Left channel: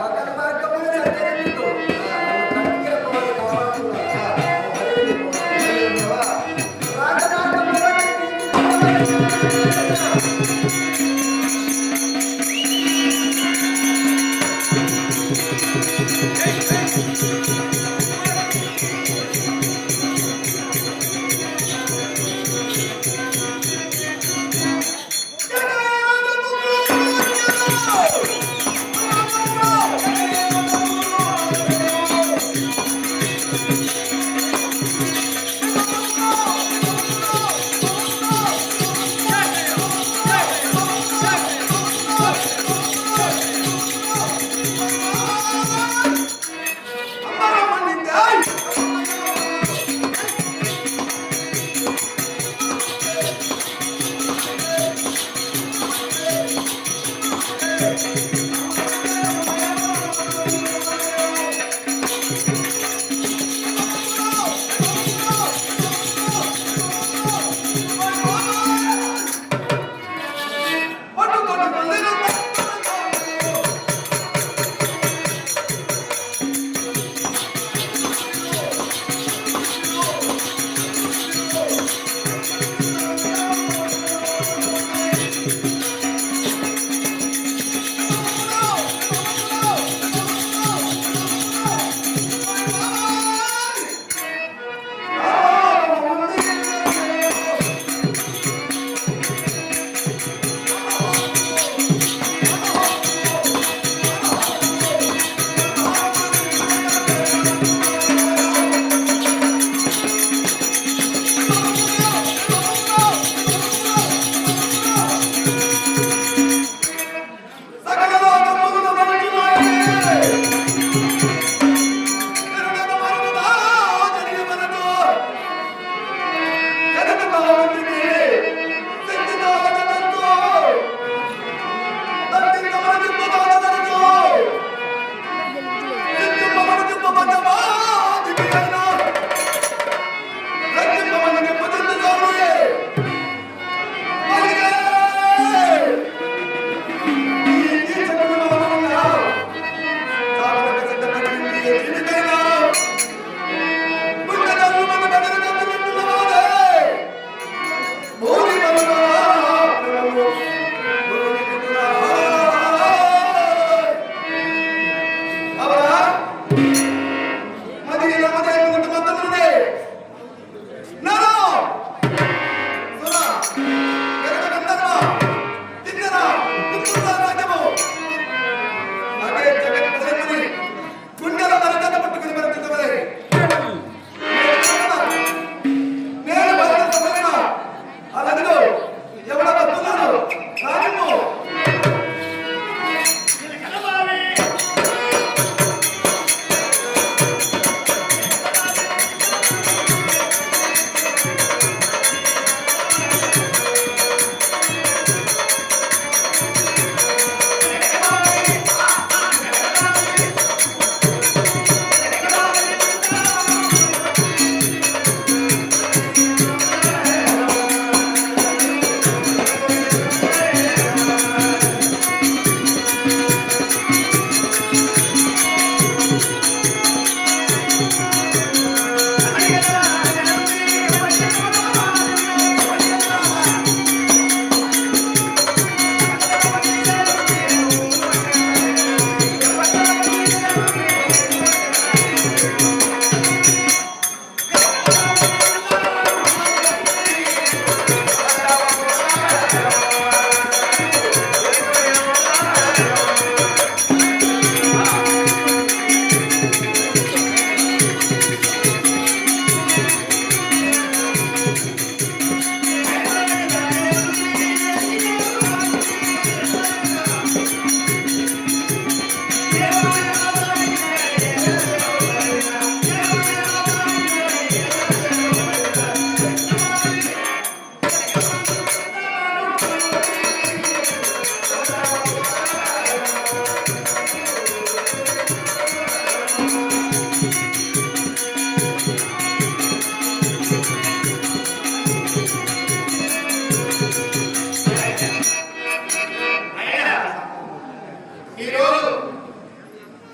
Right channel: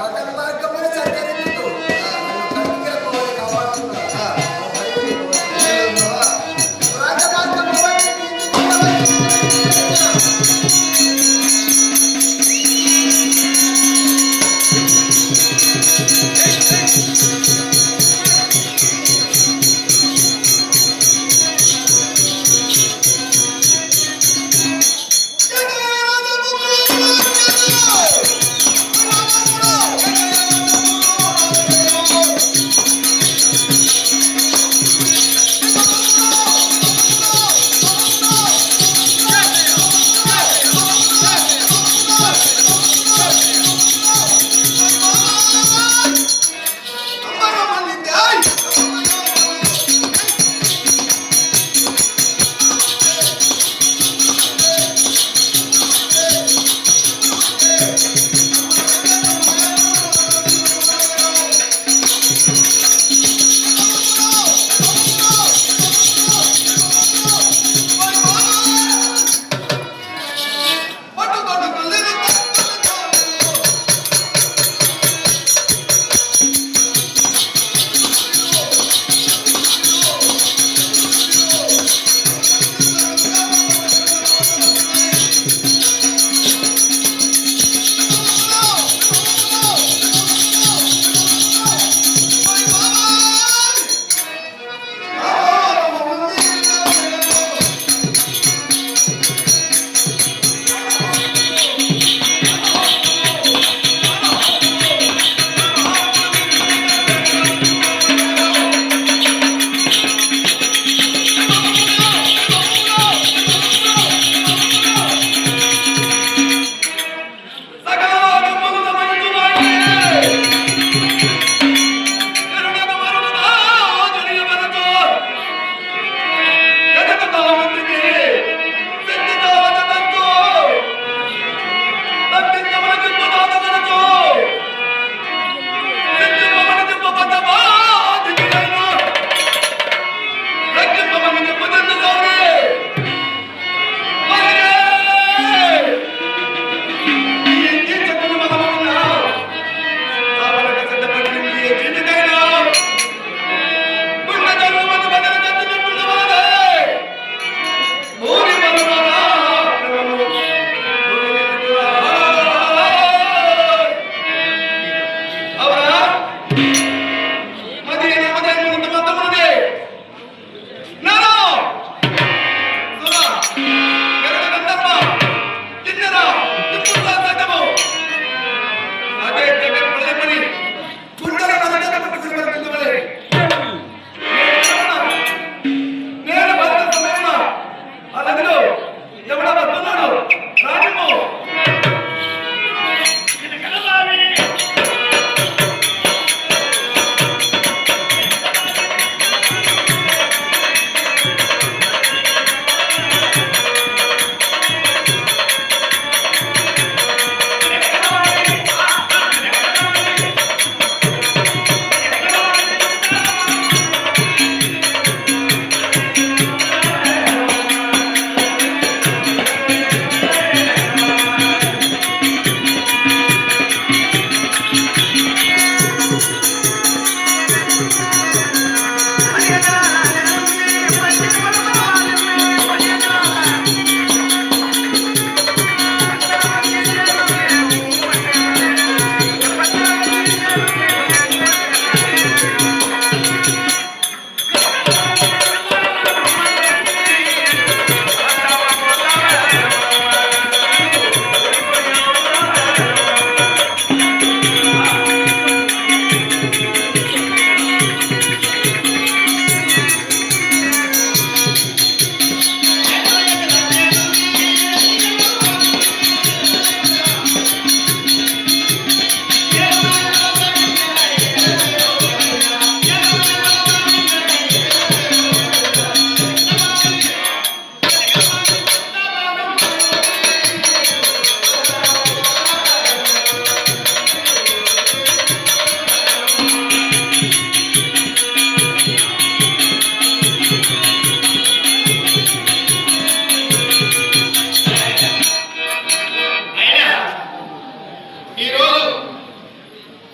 పక్కన మార్గములు సంచరించుతూ నన్ను కత్తిగా పోవాలి కాపాడుతున్నావు. రాజమార్గము బట్టి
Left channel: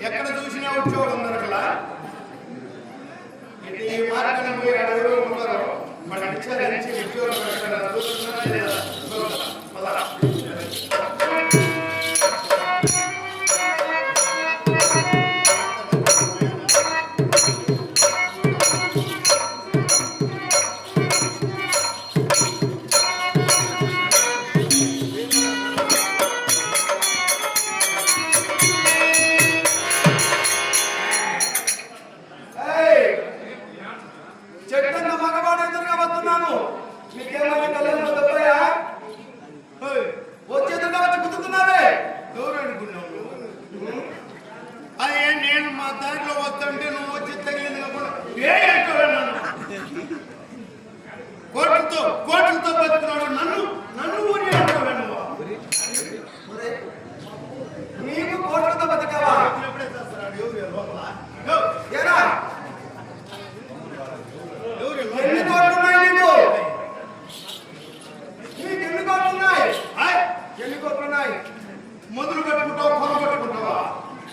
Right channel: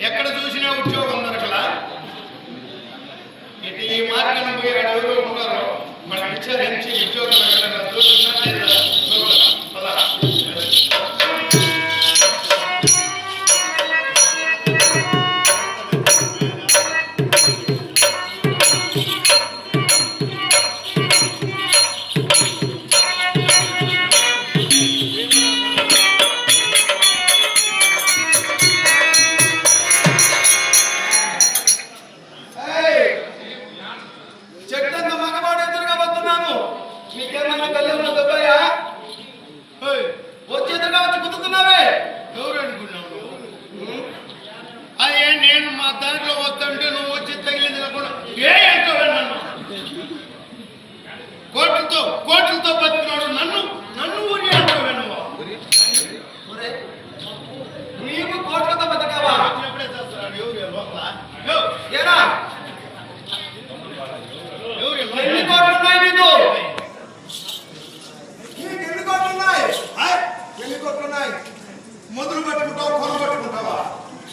ఎక్కడ చూసినా ఉద్యోగం దొరకలా. ఇది ఈ మార్గం పోయి ఎవరు ఉన్నారో మనం విచారించి ఉద్యోగం ఎక్కడ చూస్తున్నా లేదా చూద్దాం. పద. చెట్టంత మగవాడు ఎదురుగా వస్తున్నాను. నీకేమైనా కళ్యాణ దొబ్బయ్యా? వచ్చి ఎదురుగా వచ్చి కుదురుతున్నావే. ఎవరు అనుకున్నావు నువ్వు? అదే నేను మా దారిలో వస్తుంటే నువ్వు వచ్చి తగిలింది కాకుండా ఏ అంటావే నన్ను? కోట్లతో బతికినాడు నన్ను ఊరి అంటావే నువ్వు? నీవు కోట్లతో బతికావా? ఎప్పుడే చేస్తున్నాడు ఎవరు లోపల? ఏరా ఎవరు ఎన్ని కోట్లు ఉన్నాయి నీకు? నీకు ఎన్ని కోట్లు ఉన్నాయి? ఎన్ని కోట్లు ఉన్నాయి? మొదలు పెట్టుకుంటావు కొన పెట్టుకుంటావా?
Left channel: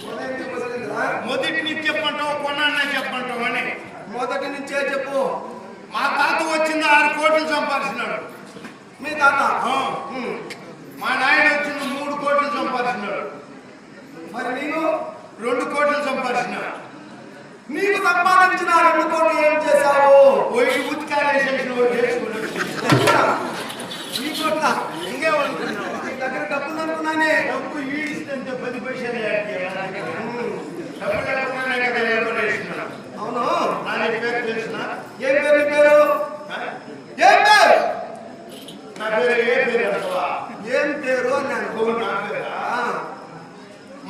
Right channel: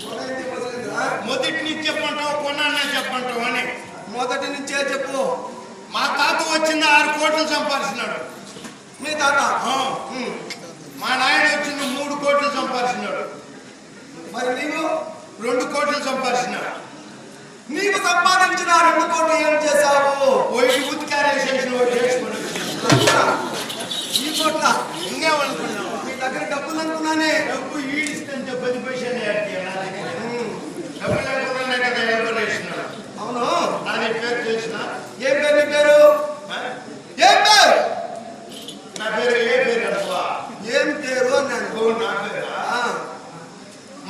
మొదలైందిరా? మొదటి నుంచి చెప్పంటావు కొన్నానే చెప్పంటావు అని. మొదటి నుంచే చెప్పు. మా తాత వచ్చింది 6 కోట్లు సంపాదించినాడు. మీ తాత? మా నాయన వచ్చింది 3 కోట్లు సంపాదించినాడు. మరి నీవు? 2 కోట్లు సంపాదించినాడు. నీవు సంపాదించిన 2 కోట్లు ఏం చేశావు? ఒకటి ఉతికారేసేసిన ఒకటి చేసుకుని ఈ కోట్ల ఇంకేమనుకున్నావా? నీ దగ్గర డబ్బులు అనుకున్నానే. డబ్బు ఈడిస్తుంటే 10 పైసలు నా దగ్గర డబ్బు లేకుండానే కదా ఏర్పడేసినాడు. అవును. నాది పేరు తెలిసిన? ఏం పేరు నీ పేరు? ఏం పేరు? నా పేరు ఏ పేరు అంటవా? ఏం పేరు అన్నాను. నా పేరా?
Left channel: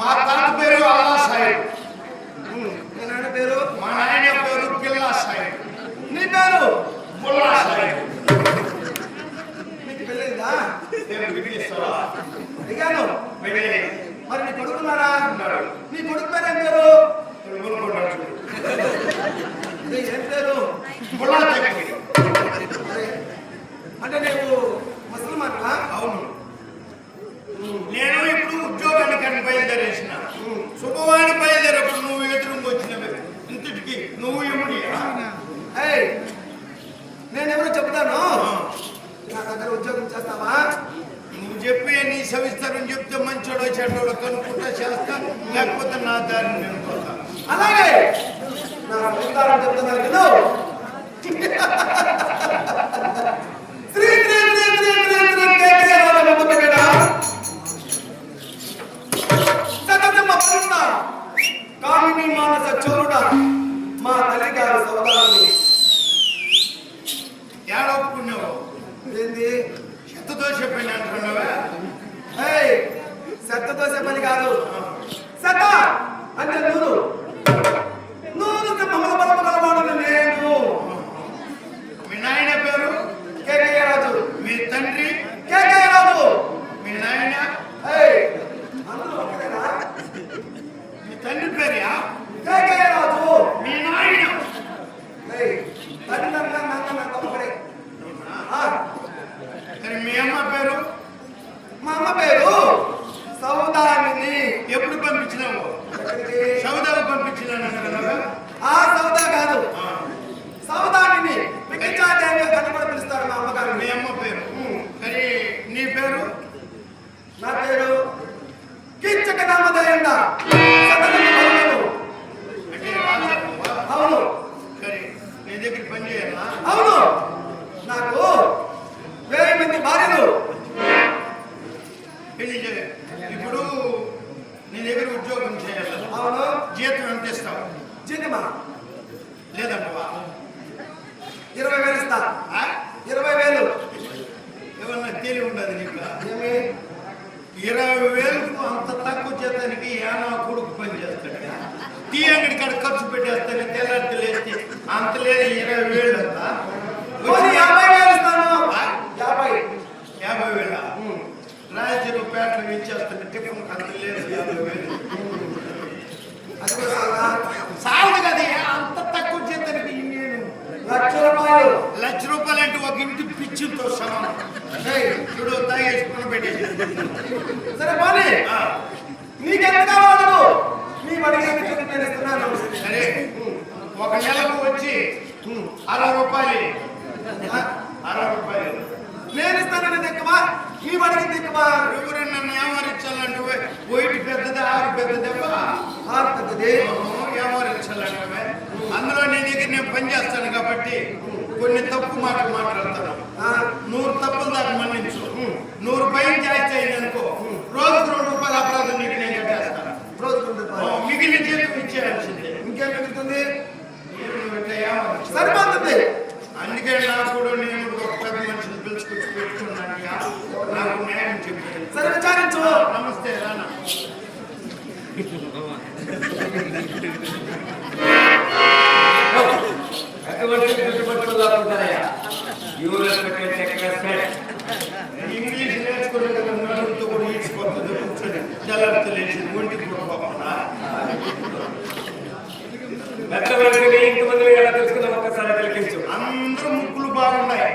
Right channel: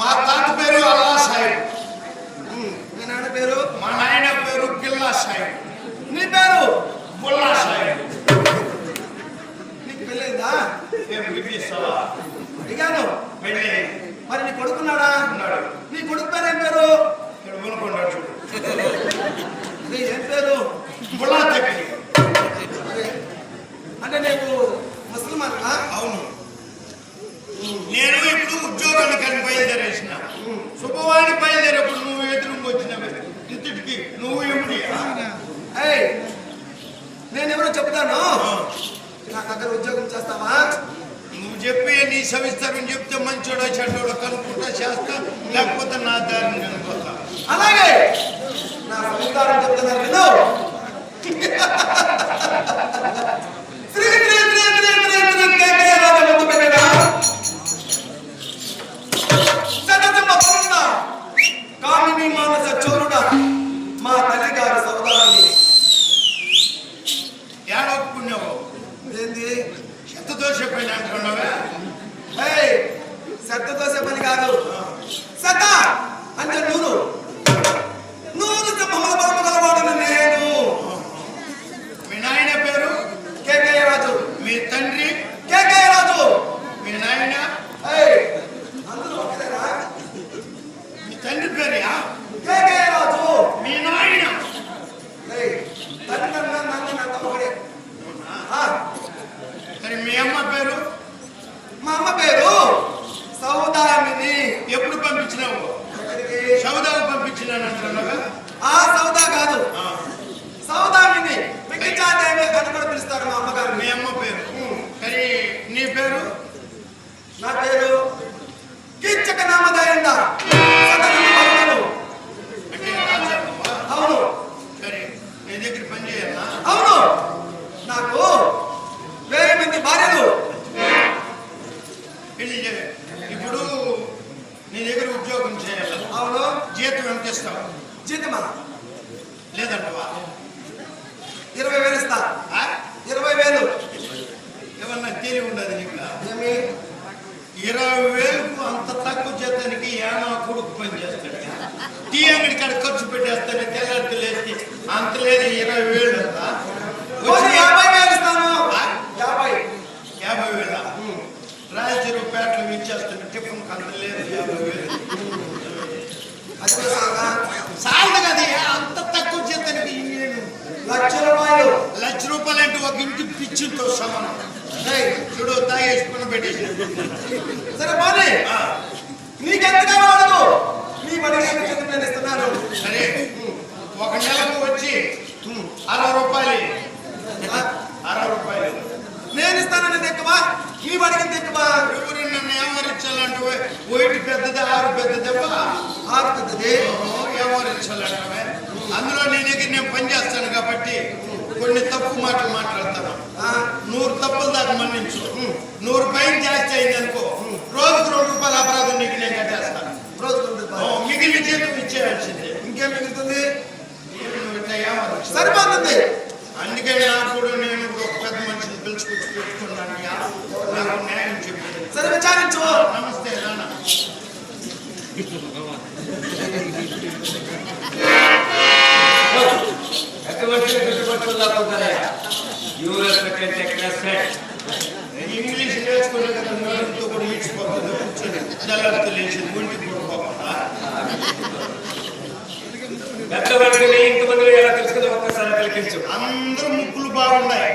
మా తాత పేరు అల్లా సాహిబ్. మీ నాన్న పేరు? మా నాయన పేరు గిల్లా సాహిబ్. నీ పేరు? బుల్లా సాహిబ్. నీకు పెళ్ళైందా? ఏం బిగిస్తావా? అడిగాను. పెళ్ళి మరి నీ కొడుకున్నాడా? ఉన్నాడు. నీ కొడుకు పేరు ఏం పేరు? ఇక్కడ కొనుక్కుంటాడు చూడు. ఏం పేరు? బుల్లా తగ్గి. అంటే నీవు ముసల్మానా? అవును. నేను ఇప్పుడు ఉద్యోగానికి బయలుదేరేసిన. శుభవాణి బయలుదేరేప్పుడు నువ్వు ఎదురుగా వచ్చినవి ఇంతటికి నువ్వు ఎముడియా? నేను ఎవరో చెప్తాను. నా దగ్గర ఉద్యోగం చేస్తావా? నువ్వు చెప్పి నీ సవిస్తరం చెప్తే మంచోడో చెడ్డోడో కనుక్కుంటా చేస్తా, లేకపోతే నా దారిని నేను పోతా. అలాగే నా సవిస్తారం చెప్తున్నారు విను. శ్రీ శ్రీ శ్రీ శ్రీ శ్రీ శ్రీ కేకే రాజముద్దు పెట్టడా సతతమ్మ పరుణ కామిని మానస చోరుడ మా తల్లి గారు సౌదాలని. ఏడొప్పుకున్నావు? ఏంది శతదోష పైన అంటున్నావా? శతతో చెప్పని కాదు. శత అంటే నూరు సింహముల బలము గలవాడను నేను. మీ నాయన పేరు? కేకయ్య రాజు. మీ తండ్రి? కేకయ్య రాజు. మీ నాయన? అందరూ ఒకరేనా? మీ తండ్రి పేరు? కేకయ్య రాజు. మీ నాయన? తండ్రి నన్న ఒకడే. మరి మీ అమ్మ పేరు? మా అమ్మ పేరు సౌదామిని. ఎప్పుడు పంపించినావు? సౌదాకు పంపించినాను అంటున్నావా? ఆ సౌదా కాదు, సౌదామిని. మిక్కిచాదేవి అని కూడా పిలుస్తారు మా అమ్మగారు. మీ అమ్మ పేరు? సరే నీ పేరు? నా పేరు కీచక నామధేయండ సతతము భక్తులు. అంటే రాజావా? అవును. సరే నీ దగ్గర పని చేయాలా? అవును. నాకు 1000 మంది భార్యలు. ఇప్పుడు నీ దగ్గర ఉద్యోగం చేయాలి. అవును. జీతం ఎంత ఇస్తావు? జీతమా? లేదంటవా? 20,000 ఇస్తా. 20,000. ఏమన్నా తెలివి ఉండదు నీకు? ఏమి 20,000కు అంత తక్కువ జీతానికి ఏమో కొడుకు పని చేస్తాడు. టీ అంగడి కాడ ఖర్చు పెట్టేస్తాను, తెల్లారి లేచి అంత లేదు. 20,000 అంతా 50,000 ఇస్తాను. 50,000 రాయచెరువు పేటలో ఇచ్చేస్తాను. టిఫిన్ అంత లేదు. 50,000 అది కూడా సాగా సాలదు కదా. అంత తక్కువ జీతానికి నేను ₹1,00,000. ₹1,00,000 అంటే ఒక ఇంటి పిచ్చితో సమానం. చూడు తాగేసుకుని పెట్టేసి. సరే పోనీ, నీకెంత కావాలి అడుగు. నీ అడిగిన 60 రూపాయలు ఆ, 60 రూపాయలు. నేను ఇస్తానన్నది ఎక్కువ నీవు అడిగింది ఎక్కువ. ఎవరు నన్ను ఏమరించాలంటే వైట్ పెద్దది 6 పెద్దదబ్బా ఆరు పెద్దది. ఏమరించాలంటే అందులో నేను పని చేస్తాను కాబట్టి కొన్ని తప్పు మాటలు మాట్లాడతాను. ఆ, 100 తప్పులు దాకా మన్నించు. 100 పైన జాస్తి అయింది అనుకో రోజుకు 2 రూపాయల అపరాధం నీకు నేను కట్టేస్తాను. రోజు 2 రూపాయలు. మిగిలిన జీతం ఇచ్చేయాల్సిందే. ఇంకేం మిగులుతుంది? నువ్వు ఇట్లా ఏమరించు. సరిపోతుంది. అందుకే నాకు కూడా నేను కూడా ఒక పెద్ద మనిషిని పిలుచుకొచ్చి పెట్టుకున్నాను. నాకు న్యాయం చెప్పాడు. సరే విచారించు. నమస్తే రానా. ఇంగ్లీష్ నేర్చుకునే కదా నడుముతో కూడా ఈడ్చిపోతుంది. కూర్చొని తెల్లరితో లేచింది ఒంటి పడిపోకుండా. పెద్దవాడిని ఇంతమందిలో ఎలా తెలుసుకుందాం ఒక్కసారి తిలకించు. అందరూ ముక్కులు బాగున్నాయి,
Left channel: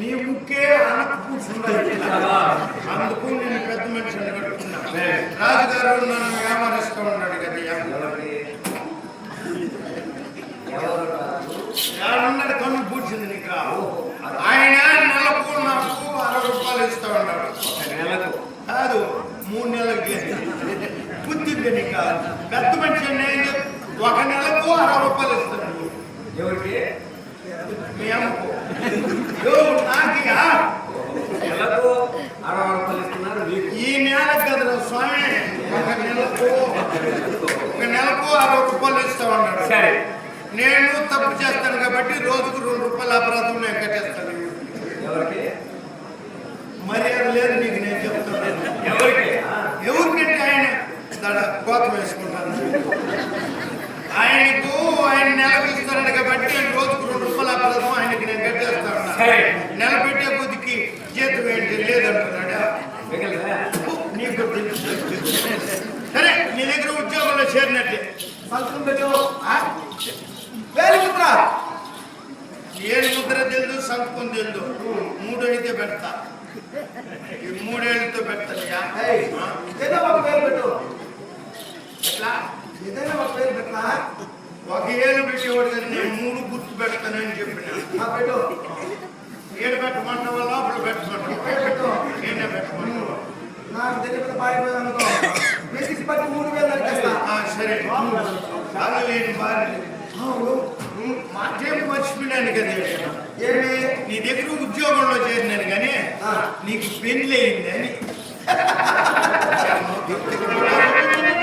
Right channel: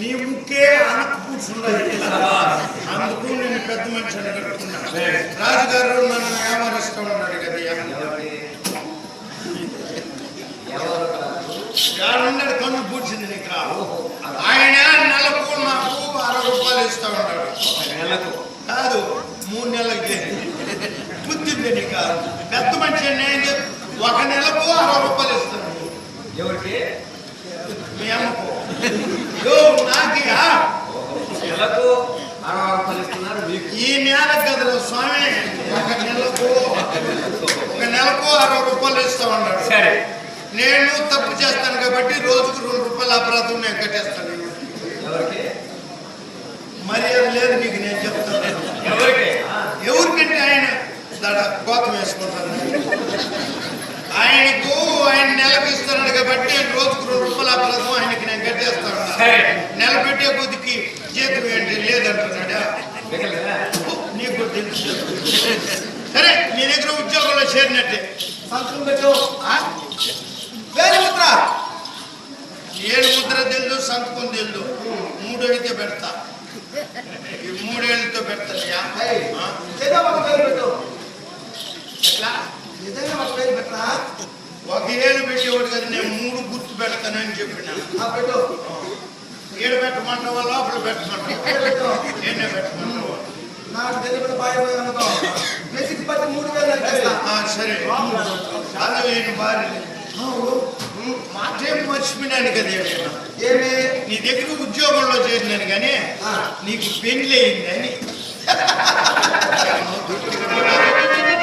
నీ ముక్కే అనకు కూర్చున్నాయి. అందుకు నేను పెద్ద మనిషి అని కట్టుకున్నా. రాజుగారు నన్ను వ్యాపారిస్తూ ఉన్నాడు కదా. ఉన్నాడు కన్ను పూడ్చింది నీకు. ఆయన నెలకు నాకు 60 రూపాయలు ఇస్తా ఉన్నాడు. నెలకు కాదు 3 నెలలకు చేరింది. బుద్ధింది నీకు. పెద్ద మనిషి నేను 1 నెలకు 60 రూపాయలు ఇస్తాను. ఎవరికి? మీ అమ్మకు. నాకి నెలకు 60 రూపాయలు ఇస్తున్నారు మీకు. ఈ నెల కదరా స్వామి, 1 నెలకు 60 రూపాయలు ఇస్తా ఉన్నాడు. సరే, నేను తప్పు చేస్తాను కాబట్టి రోజుకు 2 రూపాయల అపరాధం నేను కట్టేస్తాను. ఎవరికి? మర్యాద లేదు నీకు నేను చెప్తాను. ఎవరికి? ఎవరికంటే ఆయన కోతం వేసుకుంటాను. ఆయన నెలకు ఇస్తాడు కాబట్టి రోజుకు 2 రూపాయల అపరాధం ఆయనకి నేను కట్టేస్తా ఉన్నా. నెల పెట్టే కొద్దికి జీతం ఏంటి లేదంటున్నాడా? నీకు తెలుసు. సరే, నీ దగ్గర ఉద్యోగంలో చేరినట్టే. సంతకం పెట్టు. వేలి ముద్ర. ఏడు ముద్ర తెలుదు, సంతకం తెలుదు. 3 అయితే పెడతా. ఈ 3 ఏళ్ళతో పెడతాయా? ఏదో ఒక వేలు పెట్టు. ఎట్లా? ఏదైనా ఒక వేలు పెట్టా. 1 ఏళ్ళు పెట్టేవాడు కదా, నేను 3 గుర్తు పెడతానని చెప్పిన. పెట్టు. 7 పెట్టమంటావా లోపల పెట్టమంటావా? పెట్టు. ఏడే పెట్టమంటావా? నాకు తెలియకుండా పారిపోయావు అనుకో, బేసిక్స్ బట్టి 3000 నరికేస్తా. సరే. అది నేను భార్య మాటేం మర్చిపోయినాను కదా నేను. ఏమి? నీ దగ్గర ఉద్యోగంలో చేరినాను కానీ నీకు పెళ్లి అయింది అని.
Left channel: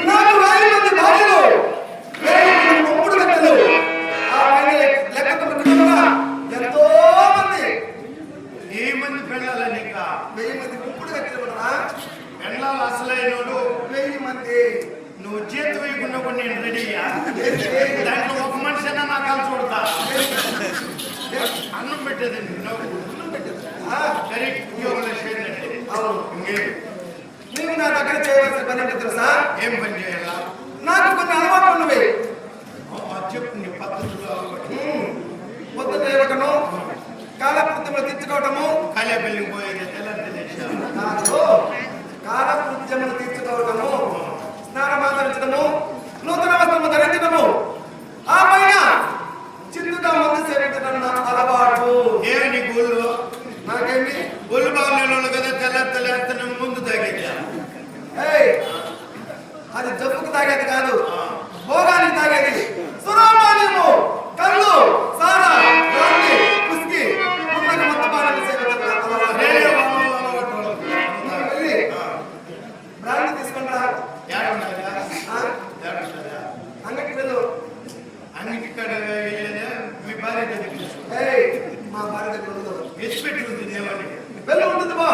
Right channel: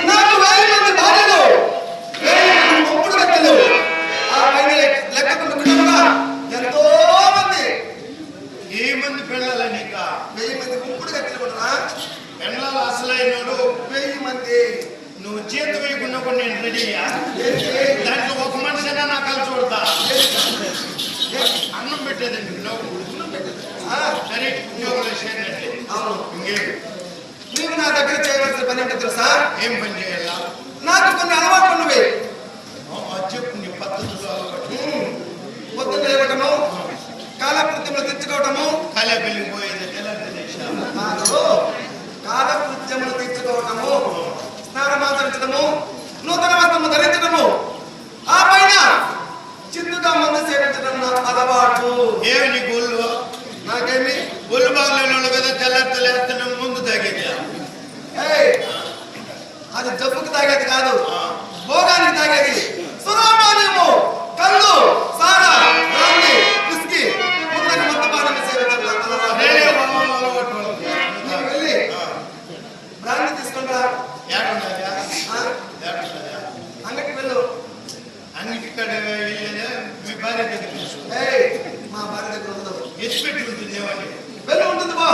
నాకు 1000 మంది భార్యలు, 1000 మంది మొక్కుడు గత్తెలు, ఆ పైన లెక్కకుండా కుటుంబంగా ఎంతో మంది. ఏ మంది పెళ్ళాలా నీకు? 1000 మంది మొక్కుడు గత్తెలు కూడా. పెళ్ళాలి అసలైన 1000 మంది. నువ్వు జీతం వేయకుండా కూడా నేను రెడీయా? ఏంటి? దాంట్లో ఒక మనిషి అన్నా నాకు కలిసి చూడతా. అన్నం పెట్టేదండి సరే, ఉద్యోగంలో చేరినట్టే. అవును. ఇంకేం నీవు నా దగ్గర చేయవలసిన పని ఏమిటి తెలుసా? ఏం పని చేయాలా? నాకు కొన్ని అలవాట్లు ఉన్నవి. చెప్పు నీ పద్ధతులు అలవాటు. పొద్దున్న లేవటము, కాలకృత్యములు తీర్చుకోవటము. కాలే పెళ్లి పోయేది ఎలా తెలిసా? కాలకృత్యములు తీర్చుకోవటము, స్నానమాచరించడము, నూతన వస్త్రము ధరించడము, ఆ పైన చిందుగా మందు సేవించడం నా అలవాటు. ఏమి నీకు ఒళ్ళు? నాకేమి? ఒళ్ళు బాగలేని వాళ్ళు కదా తెల్లేస్తాను ముందు తాగేది. అది జబ్బుకి తాగేది కాదు, భోగానికి తాగేది. సురాపానీయము, కళ్ళు, సారా, బ్రాందీ, విస్కీ, ముందుకు మద్యపానం సేవించడం నా అలవాటు. వెళ్ళి బ్రాందీ తీసుకుంటా. అంగడికి వెళ్ళు. అంగటి కాడ వెళ్ళేదా మీ భార్య దగ్గర తీసుకో. మా భార్య దగ్గర ఉండదు. ఎత్తిపెట్టి ఉంటుంది ఏమని వెళ్ళు. ఉంటుంది బా.